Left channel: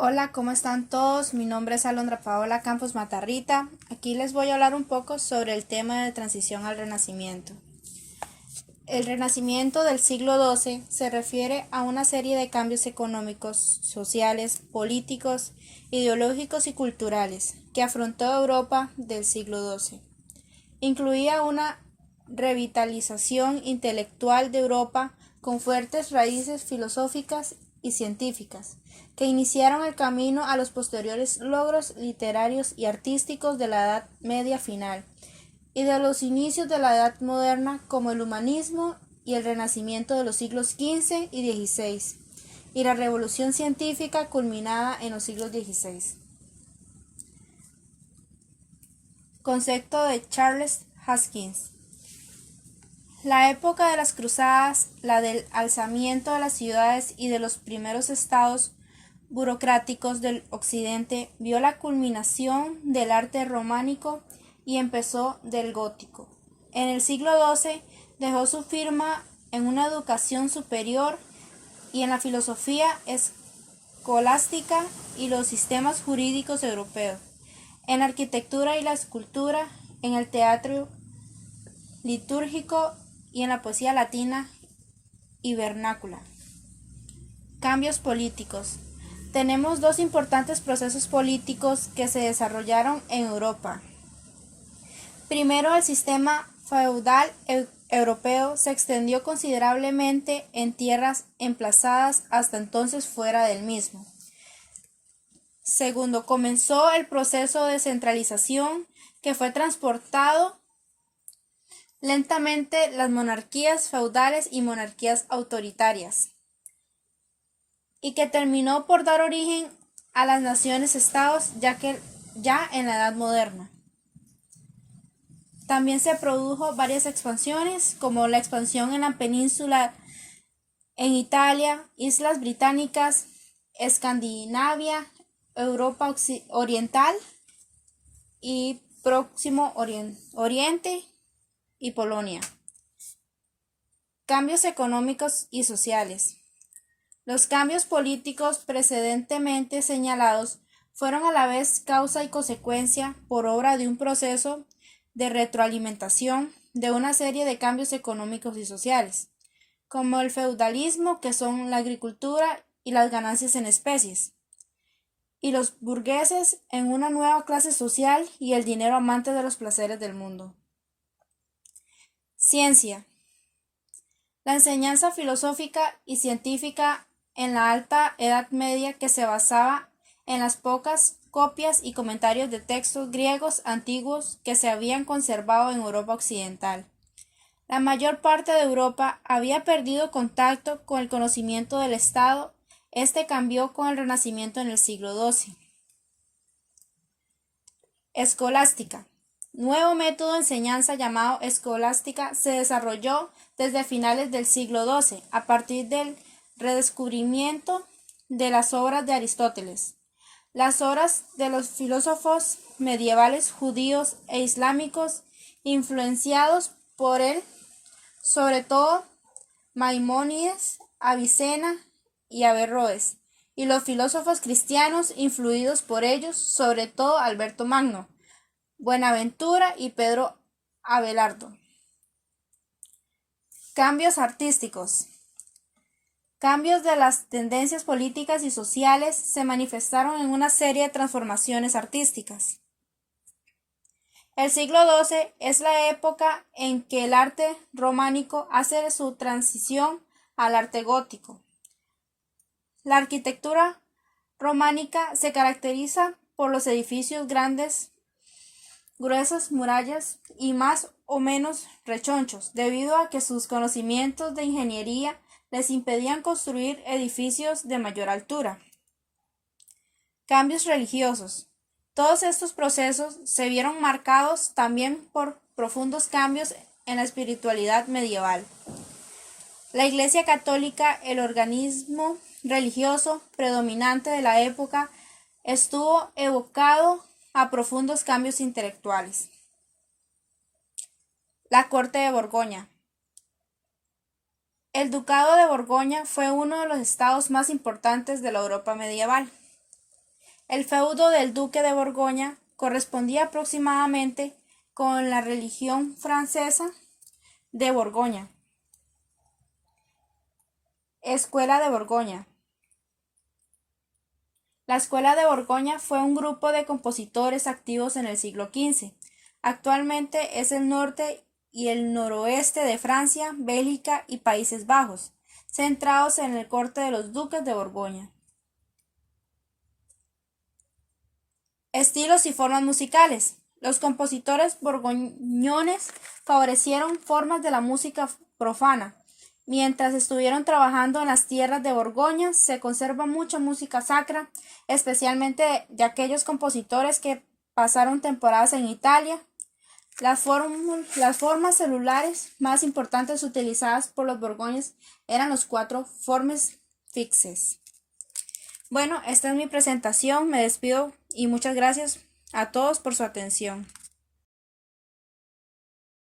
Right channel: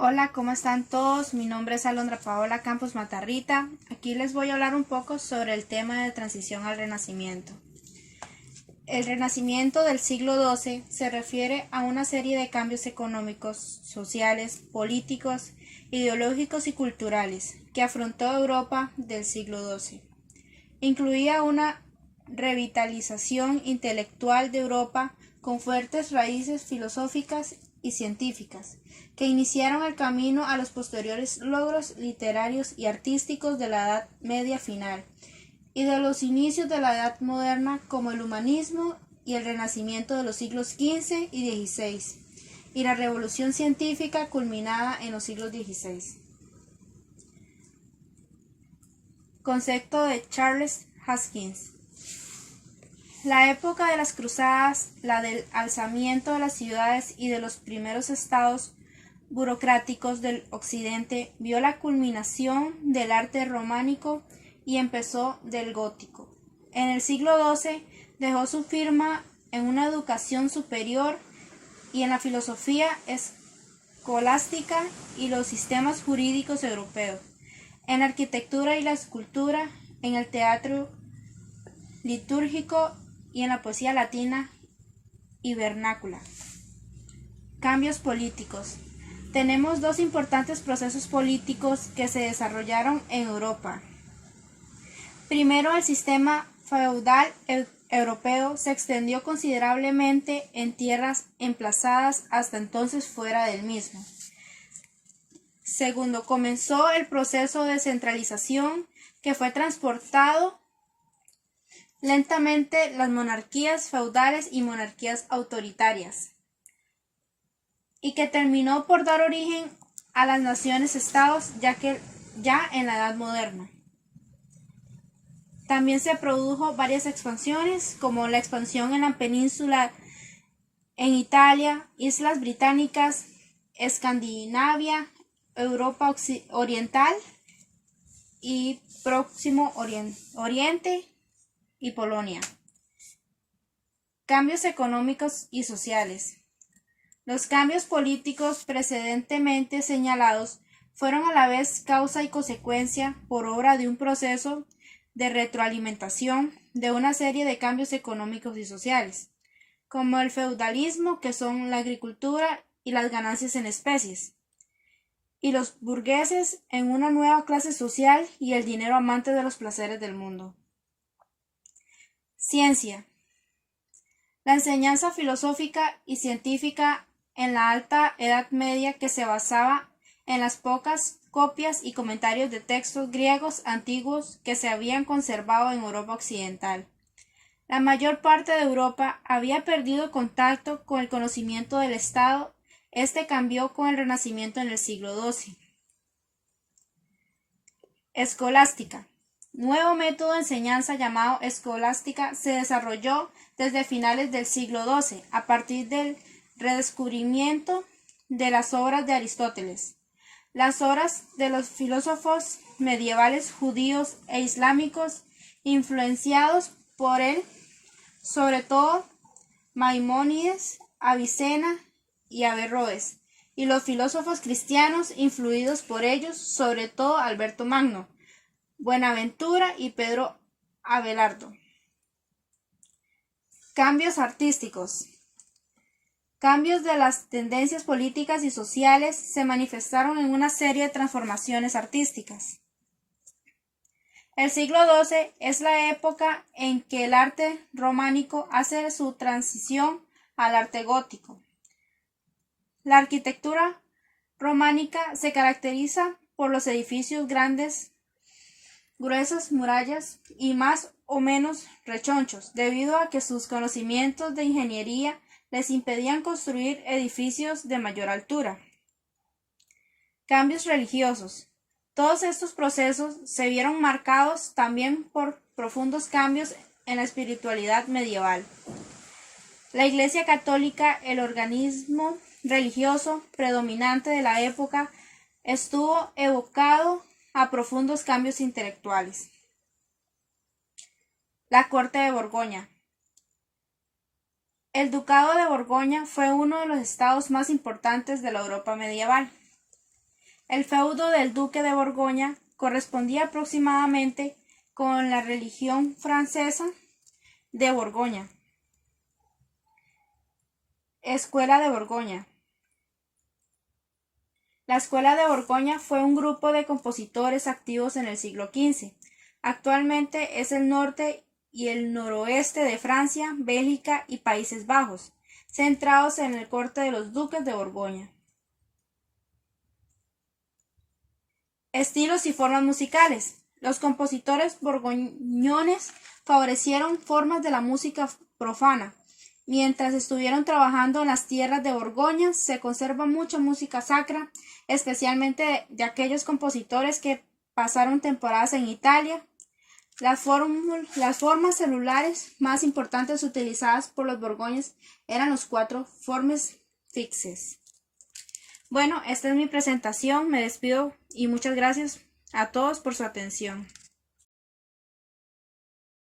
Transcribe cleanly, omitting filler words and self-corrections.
Hola, ¿cómo están todos? Mi nombre es Alondra Paola Campos Matarrita. Aquí les voy a hablar un poco sobre el tema de transición al Renacimiento. El Renacimiento del siglo XII se refiere a una serie de cambios económicos, sociales, políticos, ideológicos y culturales que afrontó Europa del siglo XII. Incluía una revitalización intelectual de Europa con fuertes raíces filosóficas y científicas, que iniciaron el camino a los posteriores logros literarios y artísticos de la Edad Media final y de los inicios de la Edad Moderna, como el humanismo y el Renacimiento de los siglos XV y XVI, y la revolución científica culminada en los siglos XVI. Concepto de Charles Haskins. La época de las cruzadas, la del alzamiento de las ciudades y de los primeros estados burocráticos del occidente, vio la culminación del arte románico y empezó del gótico. En el siglo XII dejó su firma en una educación superior y en la filosofía escolástica y los sistemas jurídicos europeos, en la arquitectura y la escultura, en el teatro litúrgico y en la poesía latina y vernácula. Cambios políticos. Tenemos dos importantes procesos políticos que se desarrollaron en Europa. Primero, el sistema feudal europeo se extendió considerablemente en tierras emplazadas hasta entonces fuera del mismo. Segundo, comenzó el proceso de centralización que fue transportado lentamente las monarquías feudales y monarquías autoritarias, y que terminó por dar origen a las naciones-estados ya en la Edad Moderna. También se produjo varias expansiones, como la expansión en la península, en Italia, Islas Británicas, Escandinavia, Europa Oriental y Próximo Oriente y Polonia. Cambios económicos y sociales. Los cambios políticos precedentemente señalados fueron a la vez causa y consecuencia por obra de un proceso de retroalimentación de una serie de cambios económicos y sociales, como el feudalismo, que son la agricultura y las ganancias en especies, y los burgueses en una nueva clase social y el dinero amante de los placeres del mundo. Ciencia. La enseñanza filosófica y científica en la Alta Edad Media, que se basaba en las pocas copias y comentarios de textos griegos antiguos que se habían conservado en Europa occidental. La mayor parte de Europa había perdido contacto con el conocimiento del Estado. Este cambió con el Renacimiento en el siglo XII. Escolástica. Nuevo método de enseñanza llamado escolástica se desarrolló desde finales del siglo XII a partir del redescubrimiento de las obras de Aristóteles, las obras de los filósofos medievales judíos e islámicos influenciados por él, sobre todo Maimónides, Avicena y Averroes, y los filósofos cristianos influidos por ellos, sobre todo Alberto Magno, Buenaventura y Pedro Abelardo. Cambios artísticos. Cambios de las tendencias políticas y sociales se manifestaron en una serie de transformaciones artísticas. El siglo XII es la época en que el arte románico hace su transición al arte gótico. La arquitectura románica se caracteriza por los edificios grandes, gruesas murallas y más o menos rechonchos, debido a que sus conocimientos de ingeniería les impedían construir edificios de mayor altura. Cambios religiosos. Todos estos procesos se vieron marcados también por profundos cambios en la espiritualidad medieval. La Iglesia Católica, el organismo religioso predominante de la época, estuvo evocado a profundos cambios intelectuales. La Corte de Borgoña. El Ducado de Borgoña fue uno de los estados más importantes de la Europa medieval. El feudo del duque de Borgoña correspondía aproximadamente con la religión francesa de Borgoña. Escuela de Borgoña. La Escuela de Borgoña fue un grupo de compositores activos en el siglo XV. Actualmente es el norte y el noroeste de Francia, Bélgica y Países Bajos, centrados en el corte de los duques de Borgoña. Estilos y formas musicales. Los compositores borgoñones favorecieron formas de la música profana. Mientras estuvieron trabajando en las tierras de Borgoña, se conserva mucha música sacra, especialmente de aquellos compositores que pasaron temporadas en Italia. Las formas celulares más importantes utilizadas por los borgoños eran los 4 formes fixes. Bueno, esta es mi presentación, me despido y muchas gracias a todos por su atención.